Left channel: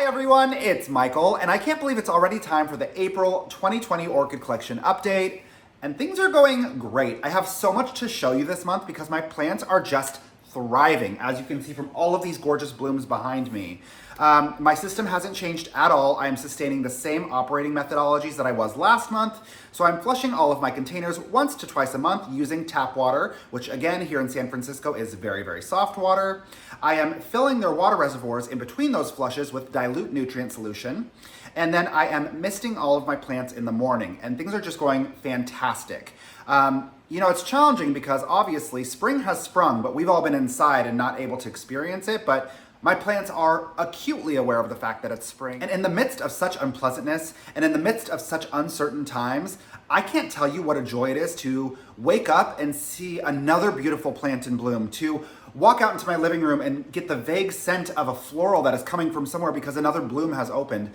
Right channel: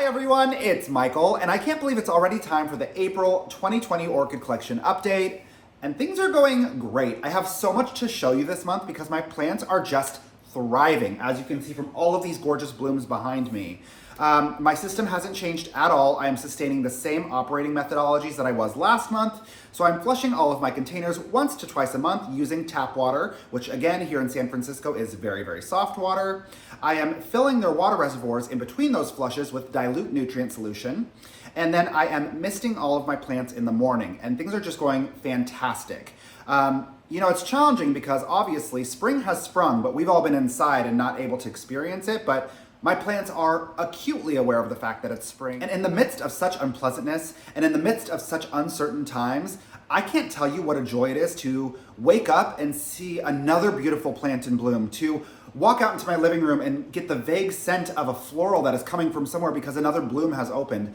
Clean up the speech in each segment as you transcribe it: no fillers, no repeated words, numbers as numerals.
Hi everyone, it's Michael, and I can't believe it's already time for the April 2020 Orchid Collection update, and things are going great. I have so much to show you this month because my plants are just thriving, as you can see from all of these gorgeous blooms behind me. My system hasn't changed at all. I am sustaining the same operating methodologies that I was last month. So I'm flushing all of my containers once to twice a month using tap water, which again here in San Francisco is very, very soft water. I am filling their water reservoirs in between those flushes with dilute nutrient solution. And then I am misting all of my plants in the morning, and things are just going fantastic. It's challenging because obviously spring has sprung, but we've all been inside and not able to experience it. But my plants are acutely aware of the fact that it's spring. And in the midst of such unpleasantness and in the midst of such uncertain times, I can't tell you what a joy it is to wake up and see another beautiful plant in bloom, to walk out into my living room and get the vague scent of a floral that is coming from somewhere because another bloom has opened.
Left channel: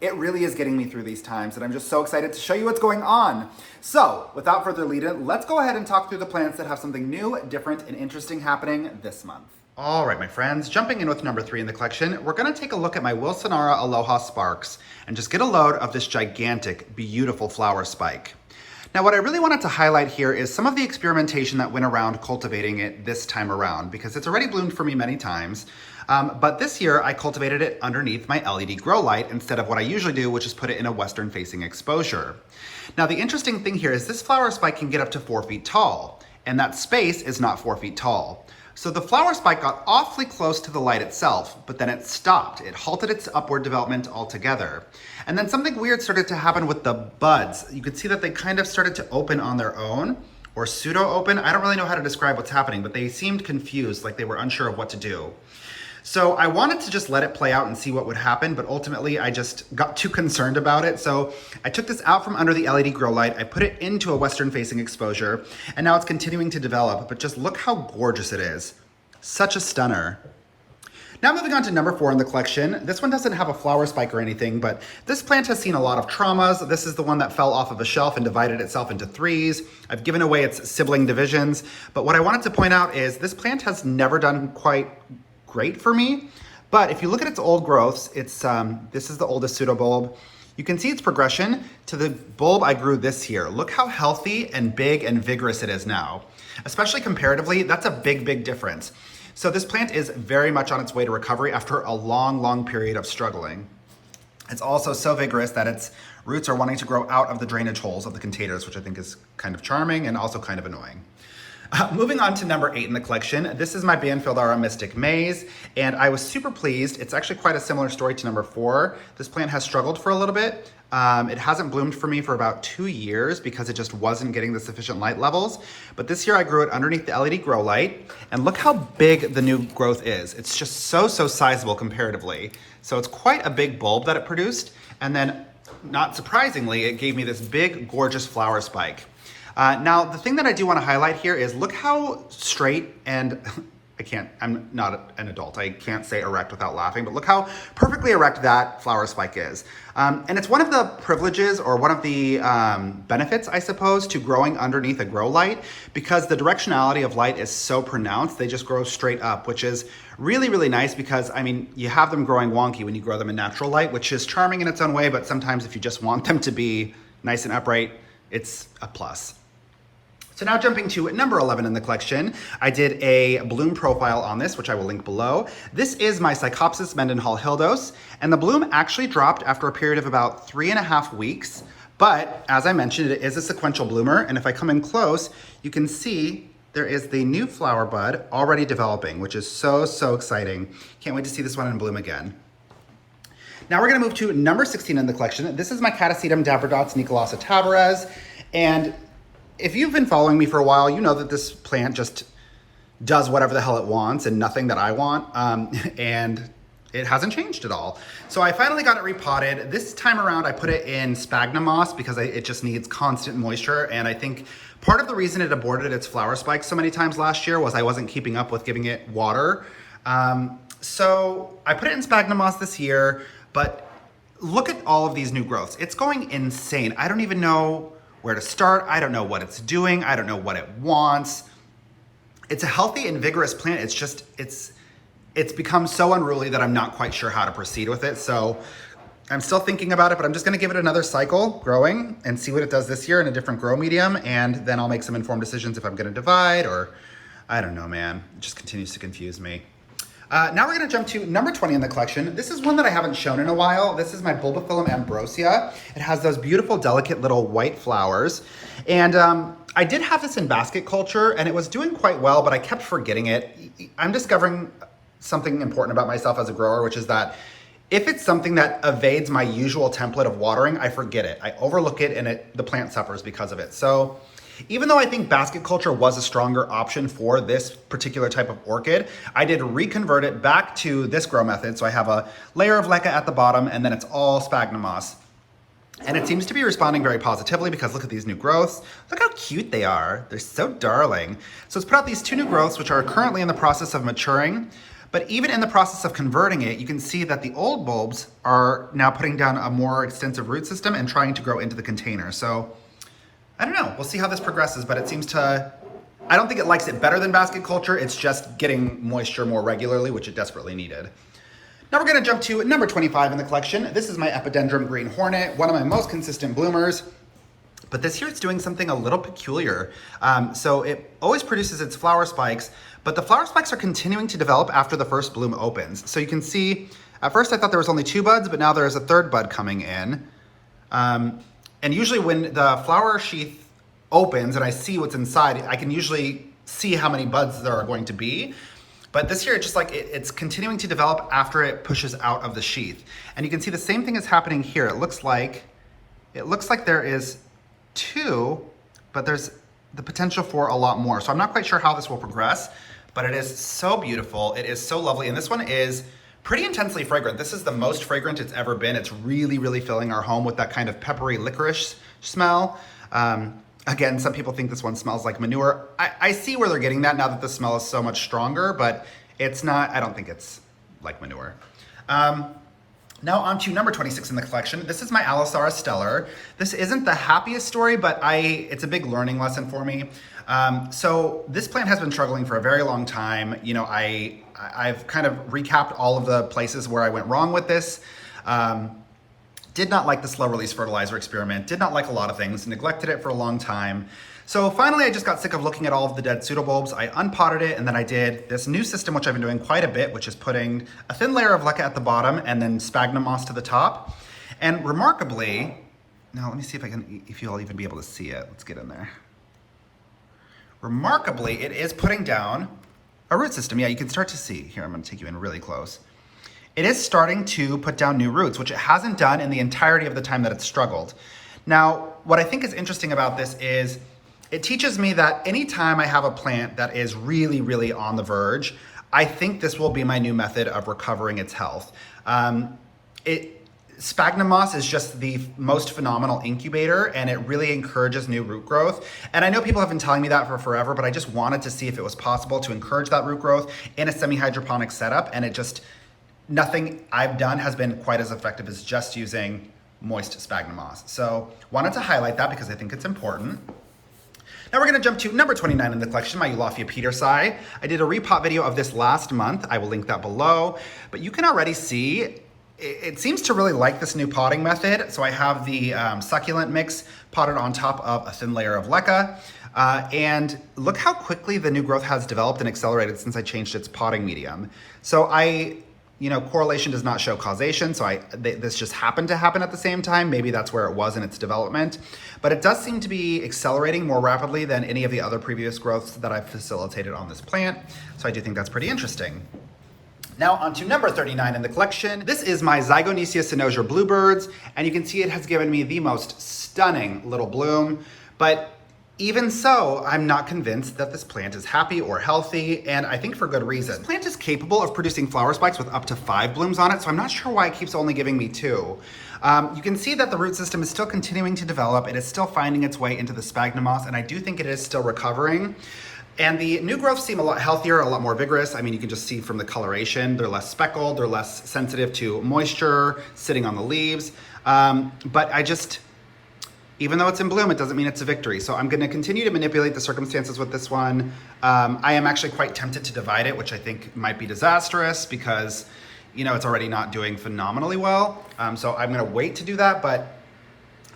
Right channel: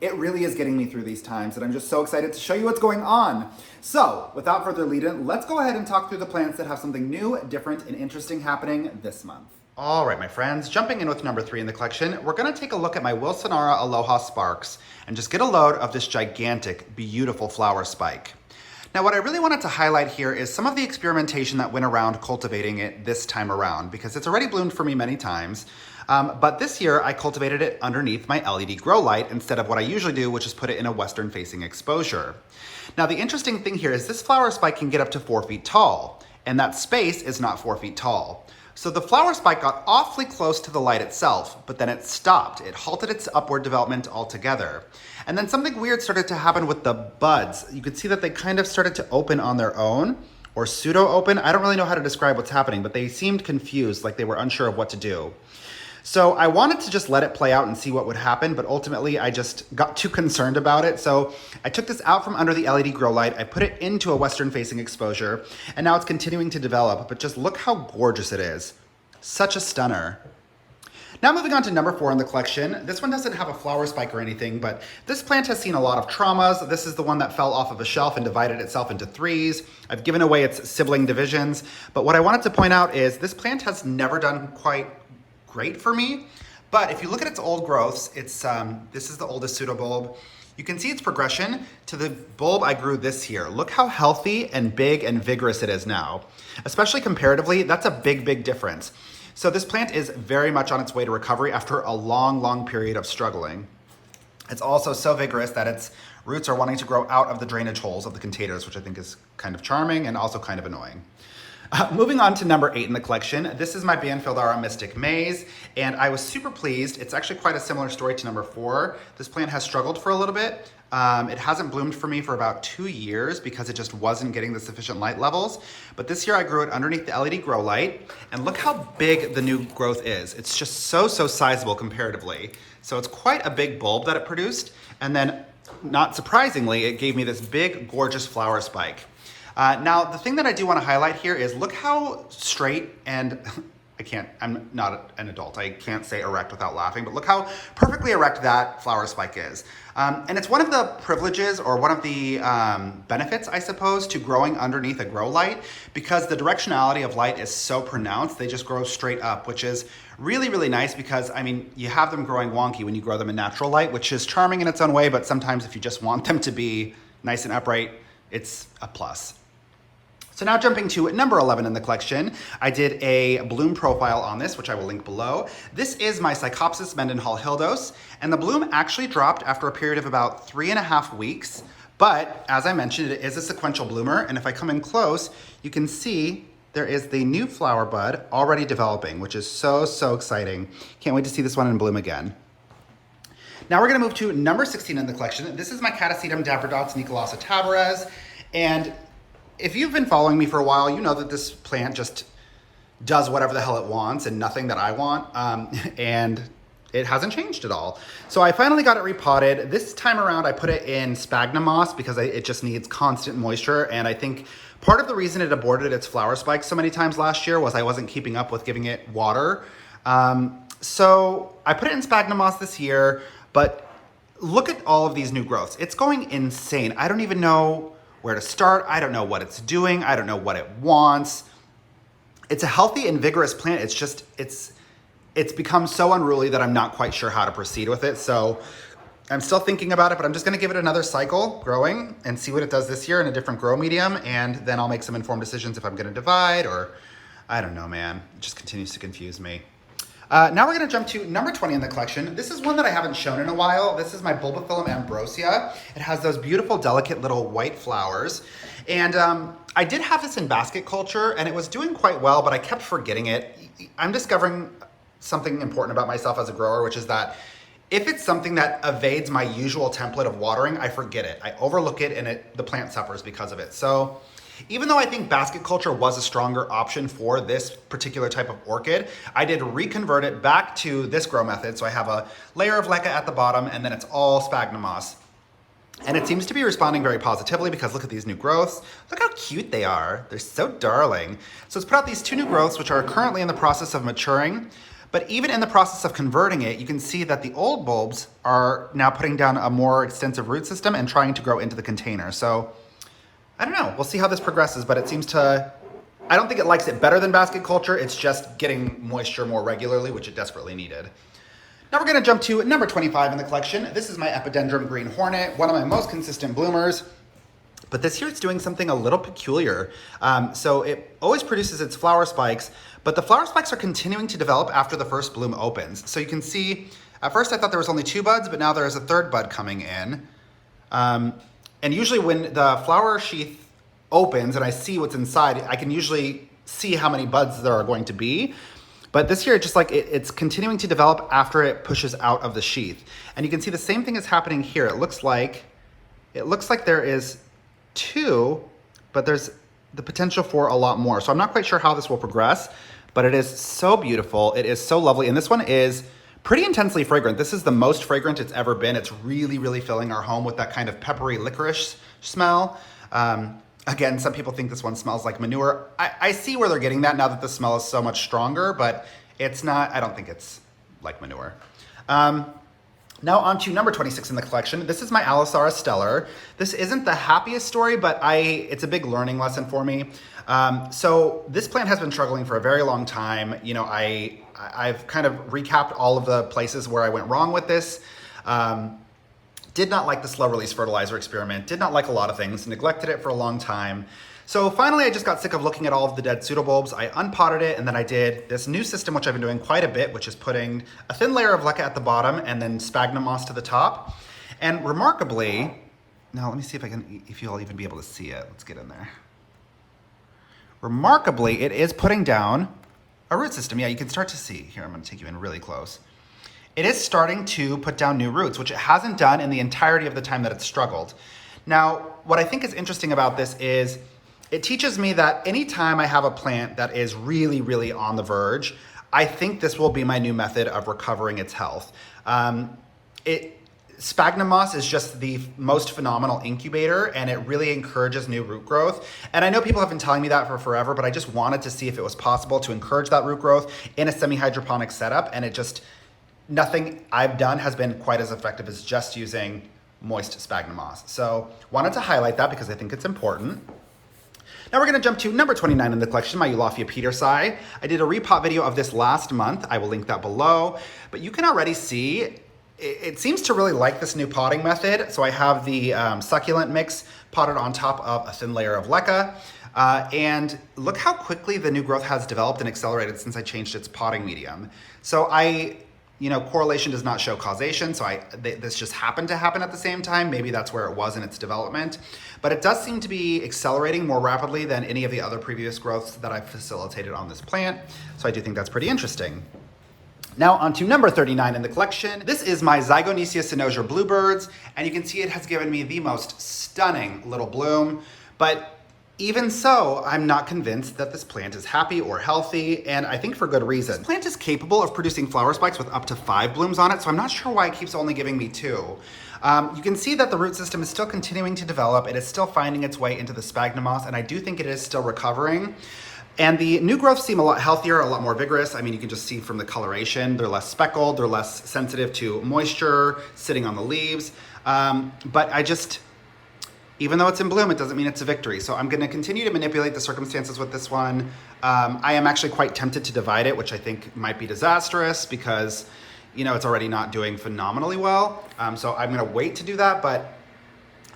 It really is getting me through these times, and I'm just so excited to show you what's going on. So, without further lead-in, let's go ahead and talk through the plants that have something new, different, and interesting happening this month. All right, my friends, jumping in with number 3 in the collection, we're gonna take a look at my Wilsonara Aloha Sparks and just get a load of this gigantic, beautiful flower spike. Now, what I really wanted to highlight here is some of the experimentation that went around cultivating it this time around, because it's already bloomed for me many times. But this year I cultivated it underneath my LED grow light instead of what I usually do, which is put it in a western facing exposure. Now, the interesting thing here is this flower spike can get up to 4 feet tall, and that space is not 4 feet tall. So the flower spike got awfully close to the light itself, but then it stopped. It halted its upward development altogether. And then something weird started to happen with the buds. You could see that they kind of started to open on their own, or pseudo open. I don't really know how to describe what's happening, but they seemed confused, like they were unsure of what to do. So I wanted to just let it play out and see what would happen, but ultimately I just got too concerned about it. So I took this out from under the LED grow light, I put it into a western facing exposure, and now it's continuing to develop, but just look how gorgeous it is. Such a stunner. Now moving on to number 4 in the collection. This one doesn't have a flower spike or anything, but this plant has seen a lot of traumas. This is the one that fell off of a shelf and divided itself into 3s. I've given away its sibling divisions, but what I wanted to point out is this plant has never done quite great for me. But if you look at its old growths, this is the oldest pseudobulb. You can see its progression to the bulb I grew this year. Look how healthy and big and vigorous it is now. Especially comparatively, that's a big, big difference. So this plant is very much on its way to recovery after a long, long period of struggling. It's also so vigorous that its roots are wanting to grow out of the drainage holes of the containers, which I think is kind of charming and also kind of annoying. Moving on to number 8 in the collection, this is my Banfieldara Mystic Maze, and I was super pleased. It's actually quite a similar story to number 4. This plant has struggled for a little bit. It hasn't bloomed for me for about 2 years because it just wasn't getting the sufficient light levels. But this year I grew it underneath the LED grow light, and look how big the new growth is. It's just so sizable comparatively. So it's quite a big bulb that it produced, and then not surprisingly, it gave me this big, gorgeous flower spike. Now, the thing that I do want to highlight here is look how straight and I'm not an adult. I can't say erect without laughing, but look how perfectly erect that flower spike is. And it's one of the privileges or one of the benefits, I suppose, to growing underneath a grow light, because the directionality of light is so pronounced. They just grow straight up, which is really, really nice because, I mean, you have them growing wonky when you grow them in natural light, which is charming in its own way, but sometimes if you just want them to be nice and upright, it's a plus. So now jumping to number 11 in the collection, I did a bloom profile on this, which I will link below. This is my Psychopsis Mendenhall Hildos, and the bloom actually dropped after a period of about 3.5 weeks. But as I mentioned, it is a sequential bloomer, and if I come in close, you can see there is the new flower bud already developing, which is so exciting. Can't wait to see this one in bloom again. Now we're gonna move to number 16 in the collection. This is my Catasetum Dabradots Nicolasa tabares, and if you've been following me for a while, you know that this plant just does whatever the hell it wants and nothing that I want, and it hasn't changed at all. So I finally got it repotted. This time around, I put it in sphagnum moss because it just needs constant moisture, and I think part of the reason it aborted its flower spike so many times last year was I wasn't keeping up with giving it water. So I put it in sphagnum moss this year, but look at all of these new growths. It's going insane. I don't even know where to start. I don't know what it's doing. I don't know what it wants. It's a healthy and vigorous plant. It's it's become so unruly that I'm not quite sure how to proceed with it. So I'm still thinking about it, but I'm just gonna give it another cycle growing and see what it does this year in a different grow medium. And then I'll make some informed decisions if I'm gonna divide or, I don't know, man. It just continues to confuse me. Now we're gonna jump to number 20 in the collection. This is one that I haven't shown in a while. This is my Bulbophyllum ambrosia. It has those beautiful, delicate little white flowers. And I did have this in basket culture and it was doing quite well, but I kept forgetting it. I'm discovering something important about myself as a grower, which is that if it's something that evades my usual template of watering, I forget it. I overlook it and the plant suffers because of it. So even though I think basket culture was a stronger option for this particular type of orchid, I did reconvert it back to this grow method. So I have a layer of leca at the bottom and then it's all sphagnum moss. And it seems to be responding very positively because look at these new growths. Look how cute they are. They're so darling. So it's put out these two new growths, which are currently in the process of maturing. But even in the process of converting it, you can see that the old bulbs are now putting down a more extensive root system and trying to grow into the container. So I don't know, we'll see how this progresses, but it seems to, I don't think it likes it better than basket culture. It's just getting moisture more regularly, which it desperately needed. Now we're gonna jump to number 25 in the collection. This is my Epidendrum Green Hornet, one of my most consistent bloomers. But this year it's doing something a little peculiar. So it always produces its flower spikes, but the flower spikes are continuing to develop after the first bloom opens. So you can see, at first I thought there was only 2 buds, but now there's a 3rd bud coming in. And usually when the flower sheath opens and I see what's inside, I can usually see how many buds there are going to be. But this year, just like it's continuing to develop after it pushes out of the sheath. And you can see the same thing is happening here. It looks like there is 2, but there's the potential for a lot more. So I'm not quite sure how this will progress, but it is so beautiful. It is so lovely. And this one is pretty intensely fragrant. This is the most fragrant it's ever been. It's really, really filling our home with that kind of peppery licorice smell. Again, some people think this one smells like manure. I see where they're getting that now that the smell is so much stronger, but it's not, I don't think it's like manure. Now on to number 26 in the collection. This is my Allosaurus stellar. This isn't the happiest story, but it's a big learning lesson for me. So this plant has been struggling for a very long time. You know, I've kind of recapped all of the places where I went wrong with this. Did not like the slow release fertilizer experiment, did not like a lot of things, neglected it for a long time. So finally I just got sick of looking at all of the dead pseudobulbs. I unpotted it and then I did this new system, which I've been doing quite a bit, which is putting a thin layer of leca at the bottom and then sphagnum moss to the top. And remarkably, now let me see if you'll even be able to see it. Let's get in there. Remarkably, it is putting down a root system. Yeah, you can start to see. Here, I'm gonna take you in really close. It is starting to put down new roots, which it hasn't done in the entirety of the time that it's struggled. Now, what I think is interesting about this is it teaches me that anytime I have a plant that is really, really on the verge, I think this will be my new method of recovering its health. Sphagnum moss is just the most phenomenal incubator and it really encourages new root growth. And I know people have been telling me that for forever, but I just wanted to see if it was possible to encourage that root growth in a semi-hydroponic setup. And nothing I've done has been quite as effective as just using moist sphagnum moss. So wanted to highlight that because I think it's important. Now we're gonna jump to number 29 in the collection, my Eulophia Petersii. I did a repot video of this last month. I will link that below, but you can already see it seems to really like this new potting method. So I have the succulent mix potted on top of a thin layer of leca. And look how quickly the new growth has developed and accelerated since I changed its potting medium. So correlation does not show causation. So this just happened to happen at the same time. Maybe that's where it was in its development, but it does seem to be accelerating more rapidly than any of the other previous growths that I've facilitated on this plant. So I do think that's pretty interesting. Now on to number 39 in the collection. This is my Zygonesia cynosure bluebirds, and you can see it has given me the most stunning little bloom, but even so, I'm not convinced that this plant is happy or healthy, and I think for good reason. This plant is capable of producing flower spikes with up to 5 blooms on it, so I'm not sure why it keeps only giving me 2. You can see that the root system is still continuing to develop. It is still finding its way into the sphagnum moss, and I do think it is still recovering. And the new growths seem a lot healthier, a lot more vigorous. I mean, you can just see from the coloration, they're less speckled, they're less sensitive to moisture, sitting on the leaves. But Even though it's in bloom, it doesn't mean it's a victory. So I'm gonna continue to manipulate the circumstances with this one. I am actually quite tempted to divide it, which I think might be disastrous because, you know, it's already not doing phenomenally well. So I'm gonna wait to do that, but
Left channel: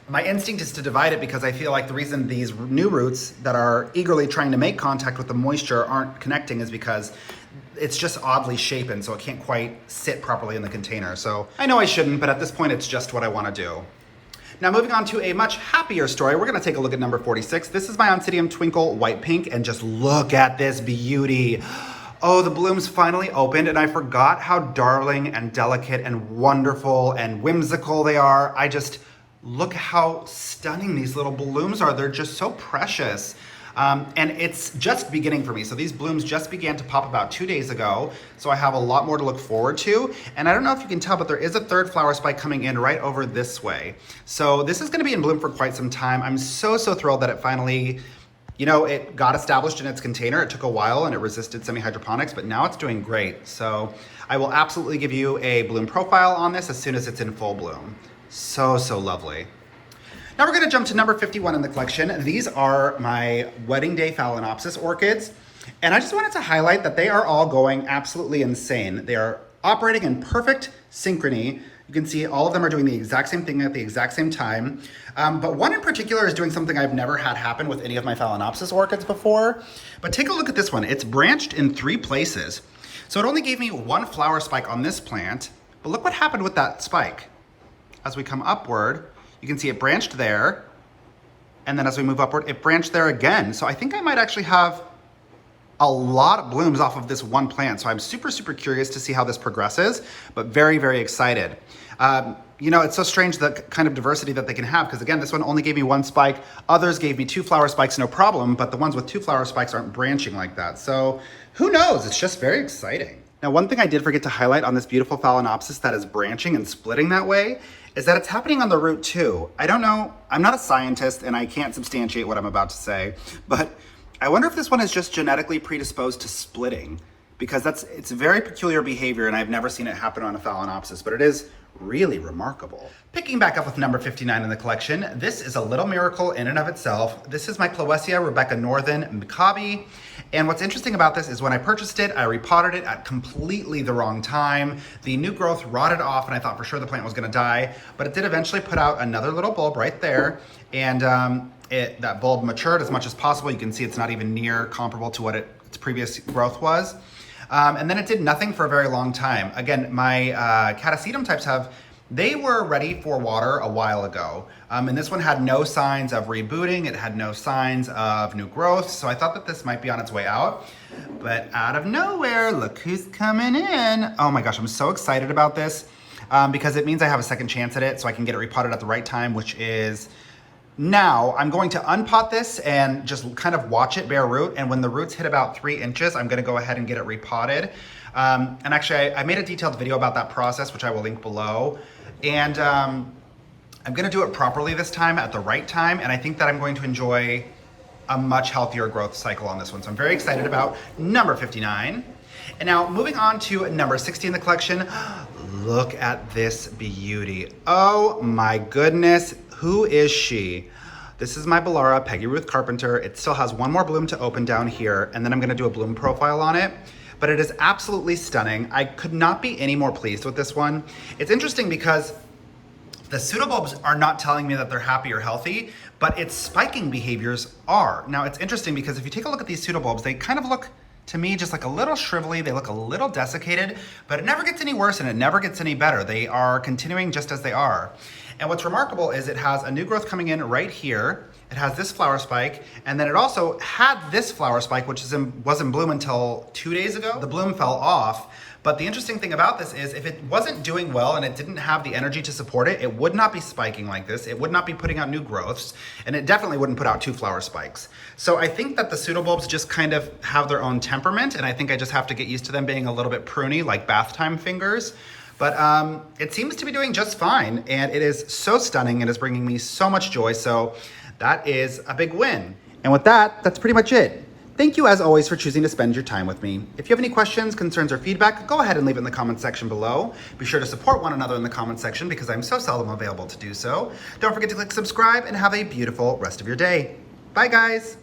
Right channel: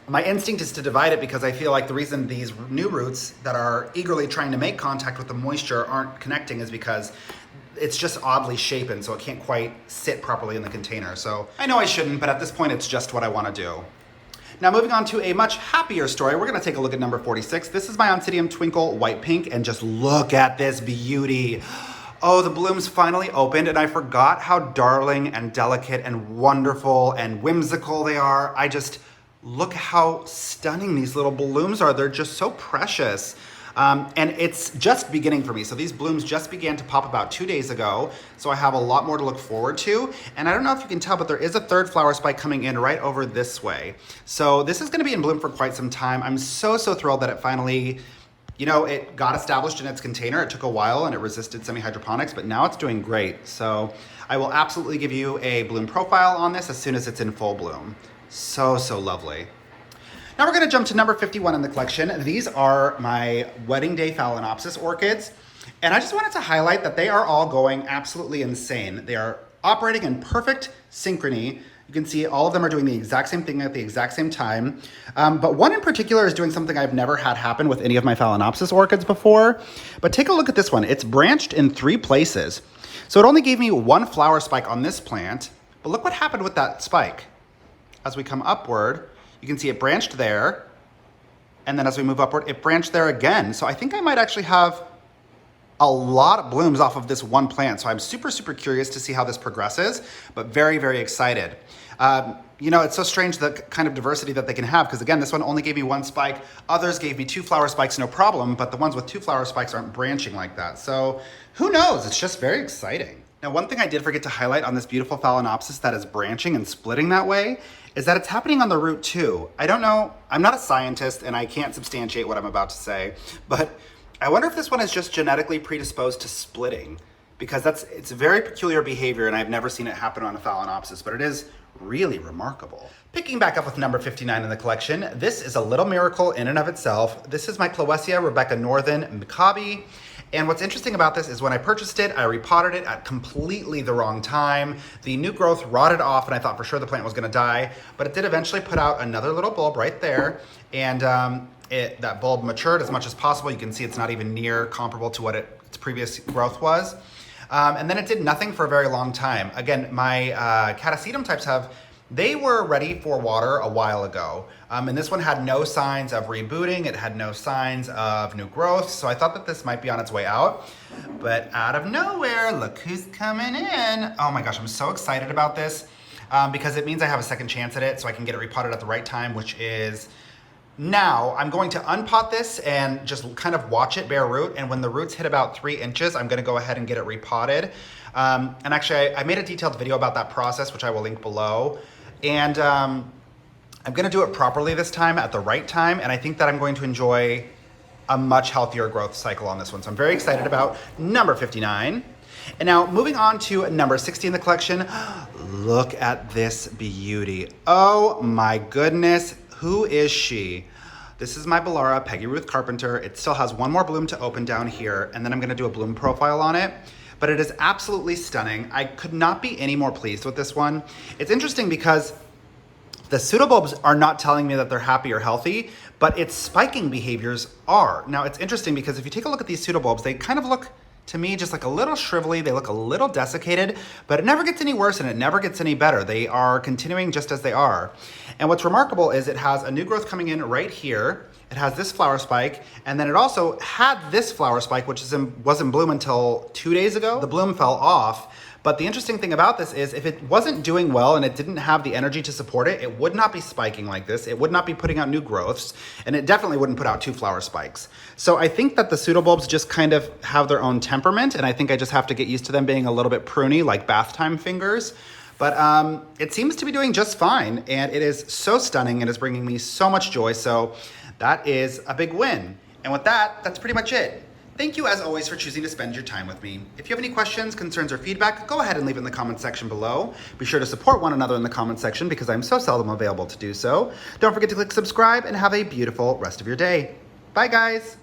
my instinct is to divide it because I feel like the reason these new roots that are eagerly trying to make contact with the moisture aren't connecting is because it's just oddly shapen, so it can't quite sit properly in the container. So I know I shouldn't, but at this point, it's just what I wanna do. Now moving on to a much happier story, we're gonna take a look at number 46. This is my Oncidium Twinkle White Pink, and just look at this beauty. Oh, the blooms finally opened, and I forgot how darling and delicate and wonderful and whimsical they are. Look how stunning these little blooms are. They're just so precious. And it's just beginning for me. So these blooms just began to pop about 2 days ago. So I have a lot more to look forward to. And I don't know if you can tell, but there is a third flower spike coming in right over this way. So this is gonna be in bloom for quite some time. I'm so thrilled that it finally, you know, it got established in its container. It took a while and it resisted semi-hydroponics, but now it's doing great. So I will absolutely give you a bloom profile on this as soon as it's in full bloom. So lovely. Now we're gonna jump to number 51 in the collection. These are my Wedding Day Phalaenopsis orchids. And I just wanted to highlight that they are all going absolutely insane. They are operating in perfect synchrony. You can see all of them are doing the exact same thing at the exact same time. But one in particular is doing something I've never had happen with any of my Phalaenopsis orchids before. But take a look at this one. It's branched in 3 places. So it only gave me 1 flower spike on this plant, but look what happened with that spike. As we come upward, you can see it branched there, and then as we move upward, it branched there again. So I think I might actually have a lot of blooms off of this one plant. So I'm super curious to see how this progresses, but very excited. You know, it's so strange the kind of diversity that they can have, because again, this one only gave me 1 spike. Others gave me 2 flower spikes, no problem, but the ones with 2 flower spikes aren't branching like that. So who knows? It's just very exciting. Now, one thing I did forget to highlight on this beautiful Phalaenopsis that is branching and splitting that way is that it's happening on the root too. I don't know, I'm not a scientist and I can't substantiate what I'm about to say, but I wonder if this one is just genetically predisposed to splitting, because it's a very peculiar behavior and I've never seen it happen on a Phalaenopsis, but it is really remarkable. Picking back up with number 59 in the collection, this is a little miracle in and of itself. This is my Clowesia Rebecca Northern Mikabe. And what's interesting about this is when I purchased it, I repotted it at completely the wrong time. The new growth rotted off and I thought for sure the plant was gonna die, but it did eventually put out another little bulb right there. And that bulb matured as much as possible. You can see it's not even near comparable to what its previous growth was. And then it did nothing for a very long time. Again, my Catasetum types they were ready for water a while ago. And this one had no signs of rebooting. It had no signs of new growth. So I thought that this might be on its way out. But out of nowhere, look who's coming in. Oh my gosh, I'm so excited about this because it means I have a second chance at it so I can get it repotted at the right time, which is now. I'm going to unpot this and just kind of watch it bear root. And when the roots hit about 3 inches, I'm gonna go ahead and get it repotted. And actually, I made a detailed video about that process, which I will link below. And I'm gonna do it properly this time at the right time. And I think that I'm going to enjoy a much healthier growth cycle on this one. So I'm very excited about number 59. And now moving on to number 60 in the collection. Look at this beauty. Oh my goodness, who is she? This is my Bellara Peggy Ruth Carpenter. It still has 1 more bloom to open down here, and then I'm gonna do a bloom profile on it. But it is absolutely stunning. I could not be any more pleased with this one. It's interesting because the pseudobulbs are not telling me that they're happy or healthy, but its spiking behaviors are. Now it's interesting because if you take a look at these pseudobulbs, they kind of look to me just like a little shrivelly, they look a little desiccated, but it never gets any worse and it never gets any better. They are continuing just as they are. And what's remarkable is it has a new growth coming in right here. It has this flower spike, and then it also had this flower spike, which was in bloom until 2 days ago. The bloom fell off, but the interesting thing about this is if it wasn't doing well and it didn't have the energy to support it, it would not be spiking like this. It would not be putting out new growths, and it definitely wouldn't put out 2 flower spikes. So I think that the pseudobulbs just kind of have their own temperament, and I think I just have to get used to them being a little bit pruny, like bath time fingers. But it seems to be doing just fine, and it is so stunning and is bringing me so much joy. So that is a big win. And with that, that's pretty much it. Thank you as always for choosing to spend your time with me. If you have any questions, concerns, or feedback, go ahead and leave it in the comment section below. Be sure to support one another in the comment section because I'm so seldom available to do so. Don't forget to click subscribe and have a beautiful rest of your day. Bye guys.